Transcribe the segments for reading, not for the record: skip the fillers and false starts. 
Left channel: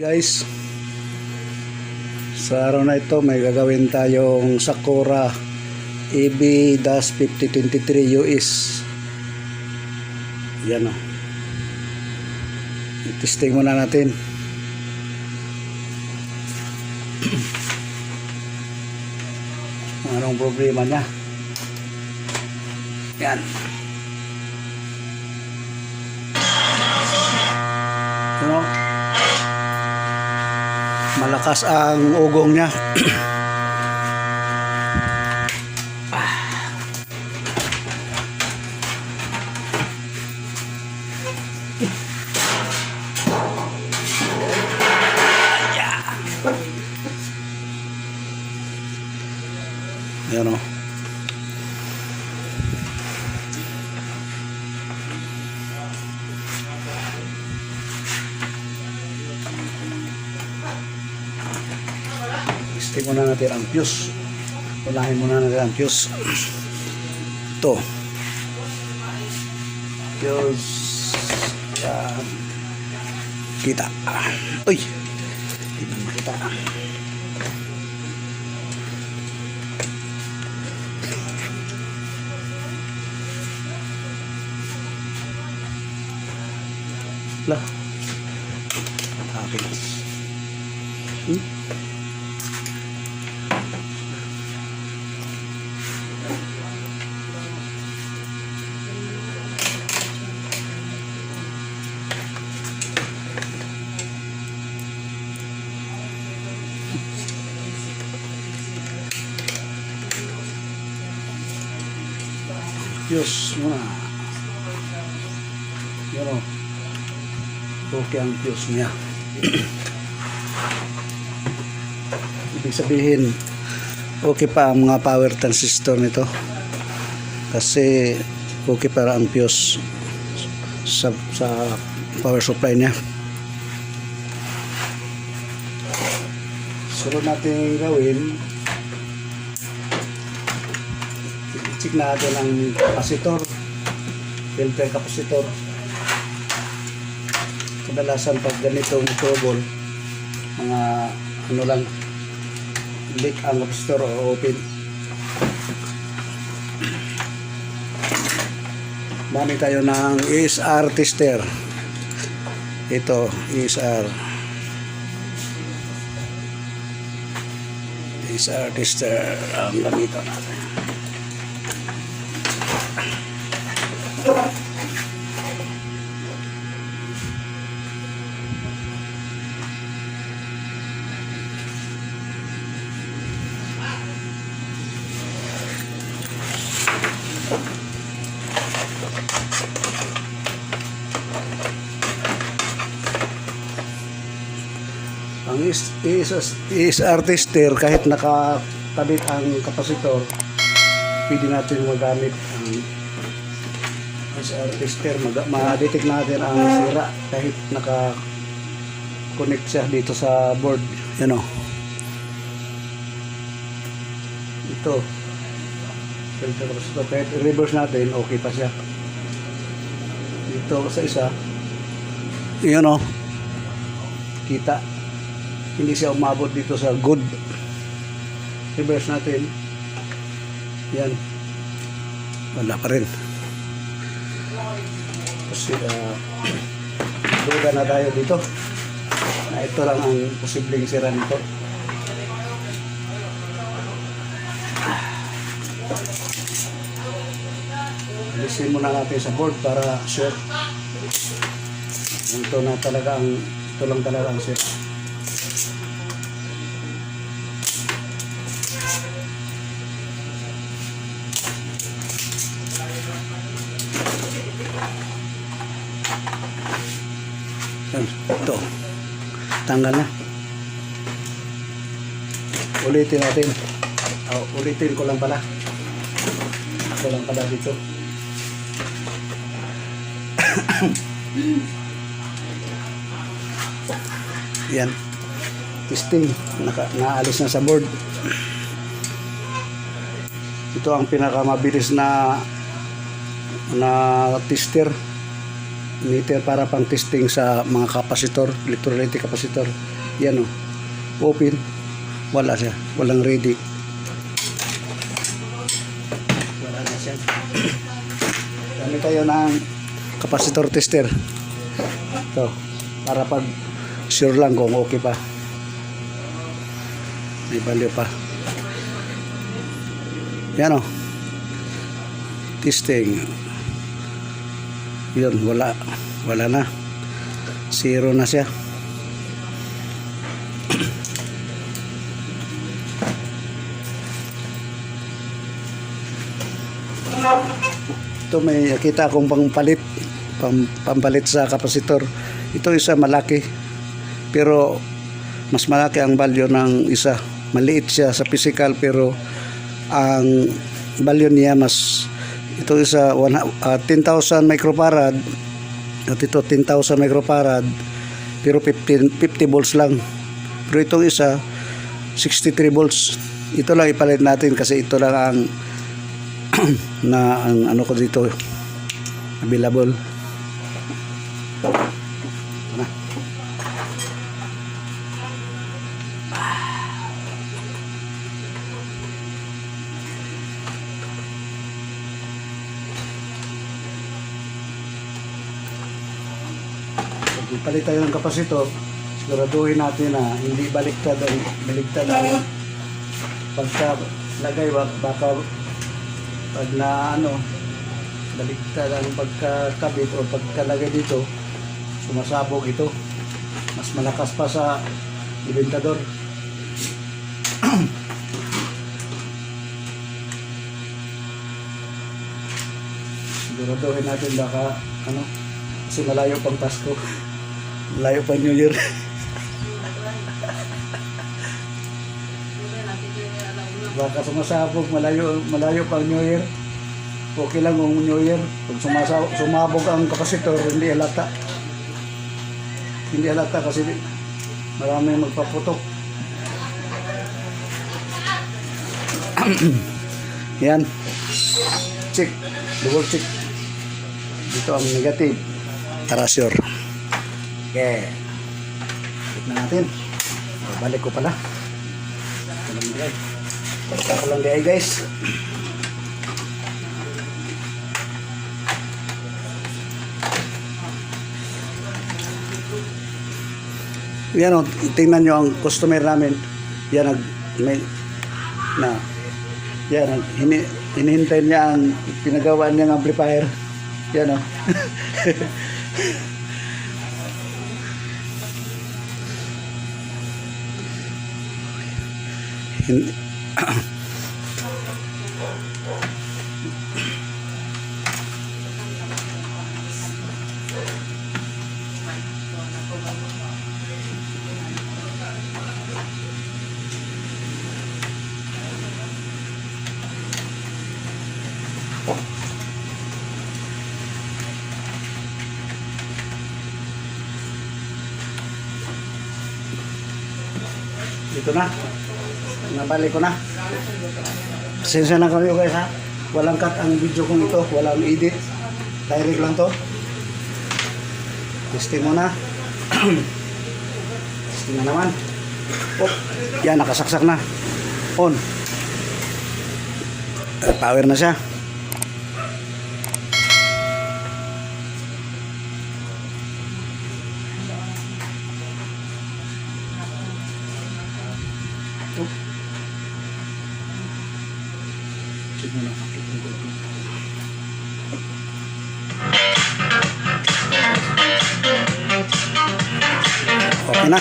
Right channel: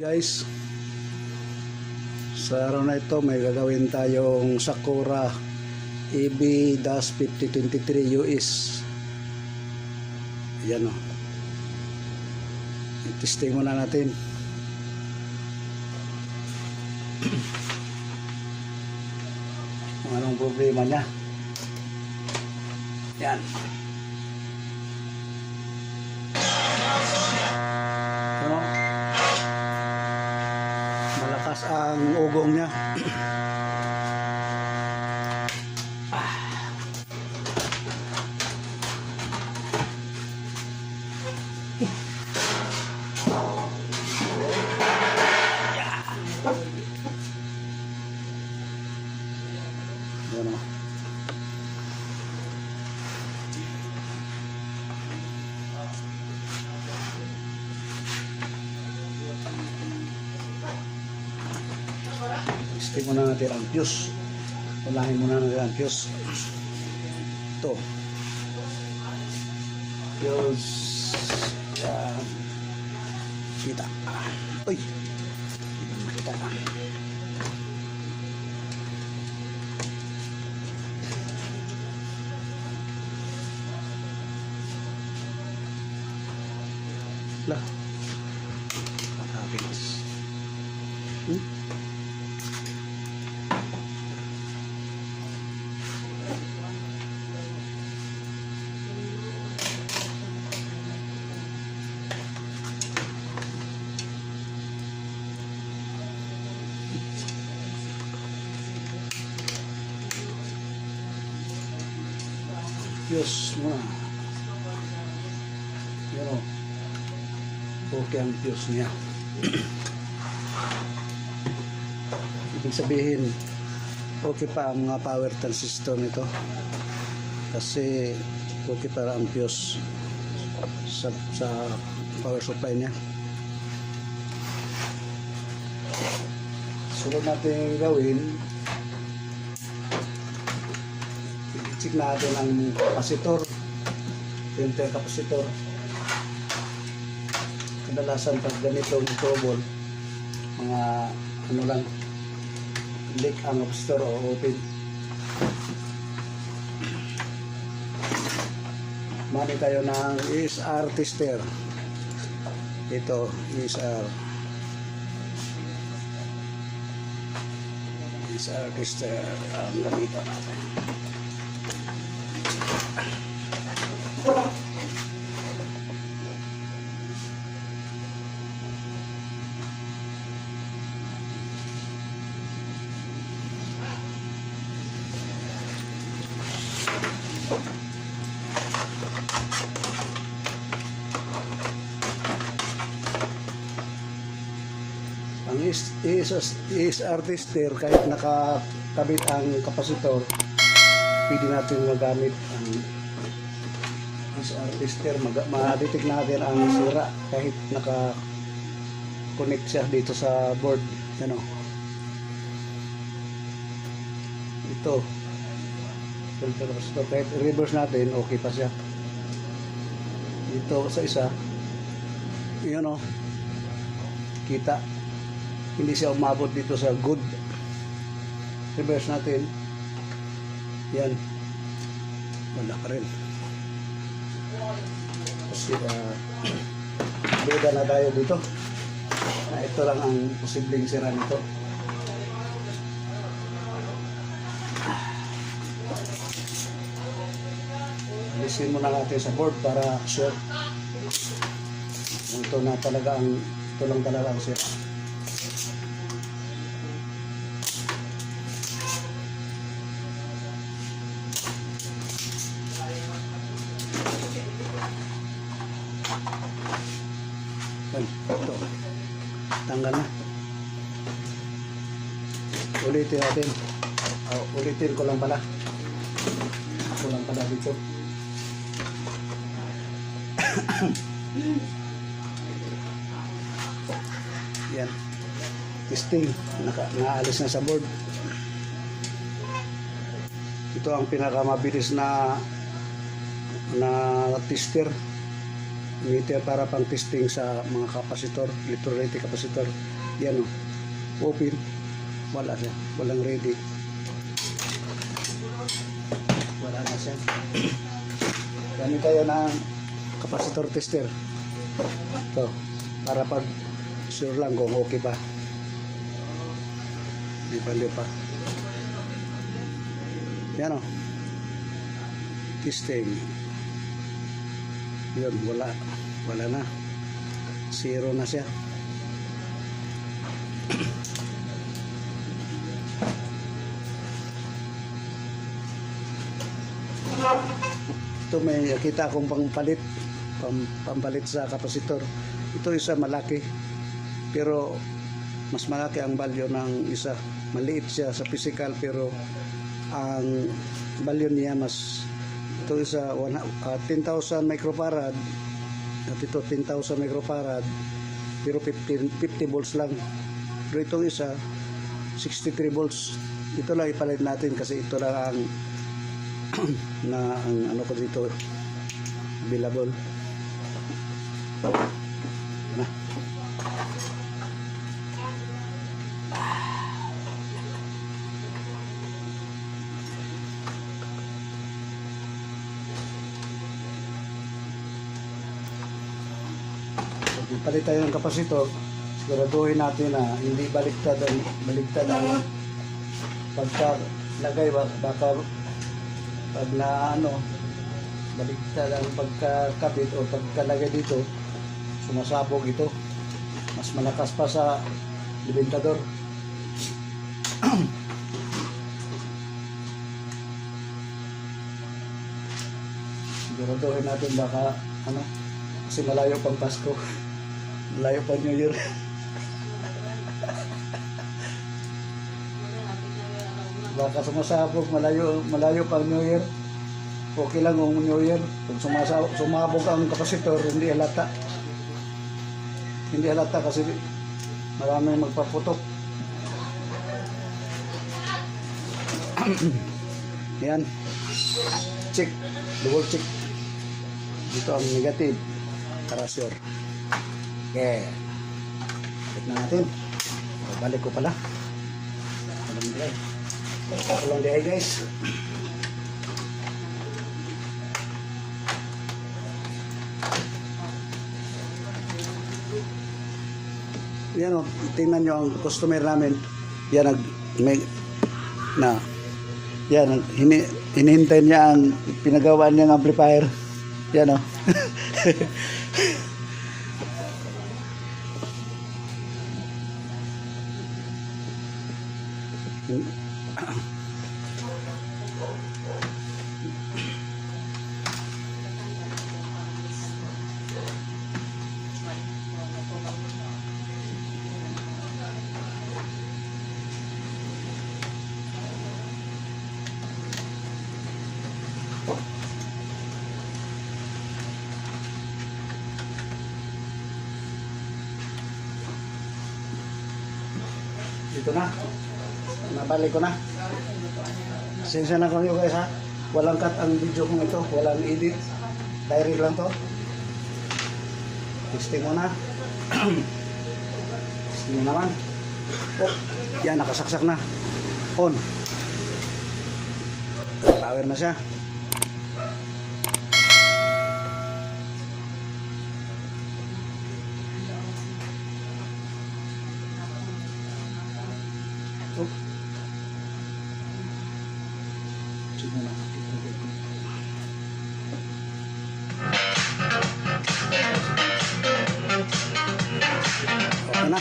Guys, sa araw na ito may gagawin tayong Sakura EB-5023 US. Yan o. I-testing muna natin. Anong problema niya? Yan. Yan o. Malakas ang ugong niya. Yan o. Testing muna natin ang fuse. Unahin muna natin ang fuse. Ito. Fuse. Kita. Uy! Hindi na makita. Lah. Happiness. Fuse muna. Yan o. Okay ang fuse niya. Ibig sabihin okay pa ang mga power transistor nito. Kasi okay para ang fuse sa power supply niya. Sunod natin gawin, check natin ang capacitor, filter capacitor. Kadalasan pag ganito yung trouble, mga ano lang, leak ang capacitor o open. Mami tayo ng ESR tester. Ito, ESR tester ang gamitan natin. Ang ESR tester, kahit nakakabit ang kapasitor, pwede natin magamit ang ESR tester. Ma-detect natin ang sira kahit naka-connect siya dito sa board. Yan o. Ito. Kahit i-reverse natin, okay pa siya. Dito sa isa. Yan o. Kita. Hindi siya umabot dito sa good. Reverse natin. Yan. Wala pa rin. Kasi duda na tayo dito na ito lang ang posibleng sira nito. Alisin muna natin sa board para sure. Ito lang talaga ang sira. Ito, tanggal na. Ulitin natin. Ulitin ko lang pala. Ako lang pala dito. Yan. Testing. Naalis na sa board. Ito ang pinakamabilis na tester. meter para pang testing sa mga kapasitor, electrolytic kapasitor. Yan o, open, wala siya, walang ready. Wala na siya. Gamit tayo ng kapasitor tester. Ito, para pag sure lang kung okay pa, may value pa. Yan o, testing. Yun, wala na, zero na siya. Ito may kita akong pampalit sa kapasitor. Ito isa malaki, pero mas malaki ang value ng isa. Maliit siya sa physical, pero ang value niya mas, ito isa 10,000 microfarad at ito 10,000 microfarad, pero 50 volts lang. Pero itong isa 63 volts. Ito lang ipalit natin kasi ito lang ang ang ano ko dito available. Palit tayo ng kapasitor, siguraduhin natin na hindi baliktad ang pagka lagay, baka pag na ano baliktad ang pagkakabit o pagkalagay dito, sumasabog ito, mas malakas pa sa ibentador. Siguraduhin natin baka ano, kasi malayo pang Pasko. Malayo pa New Year. Baka sumasabog, malayo pa New Year. Okay lang kung New Year. Pag sumabog ang kapasitor, hindi halata. Hindi halata kasi maraming magpaputok. Yan. Check. Double check. Dito ang negative. Para sure. Okay. Tignan natin. Balik ko pala. Walang gaya guys. Yan o, tingnan nyo ang customer namin. Yan ang hinihintay niya ang pinagawa niya ng amplifier. Yan o. Dito na. Nabalik ko na. Pasensya na kayo guys ha. Walang cut ang video kong ito. Walang edit. Direct lang to. Testing muna. Testing na naman. Oh, yan, nakasaksak na. On. Power na siya. Okay na.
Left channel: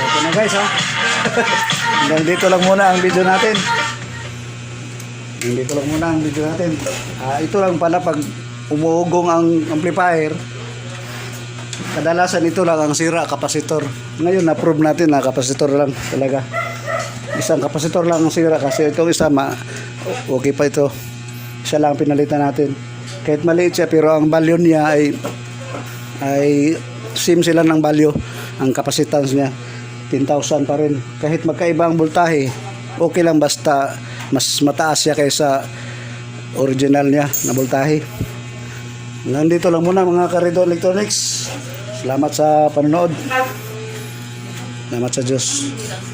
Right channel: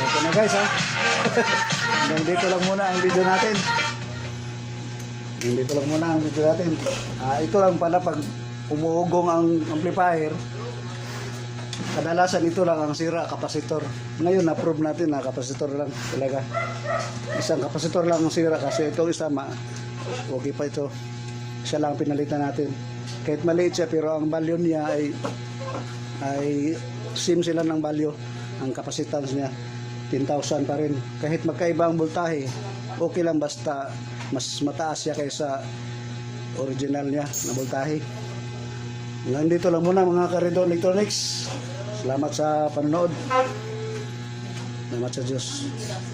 Okay na guys ha. Hanggang dito lang muna ang video natin. Ito lang pala pag umuugong ang amplifier, kadalasan ito lang ang sira, kapasitor. Ngayon na-prove natin na kapasitor lang talaga. Isang kapasitor lang ang sira kasi itong isa okay pa ito. Siya lang pinalitan natin. Kahit maliit siya pero ang value niya ay same sila ng value. Ang capacitance niya 10,000 pa rin. Kahit magkaiba ang voltahe, okay lang basta mas mataas siya kaysa original niya na voltahe. Nandito lang muna mga Karedo Electronics. Salamat sa panonood. Salamat sa Diyos.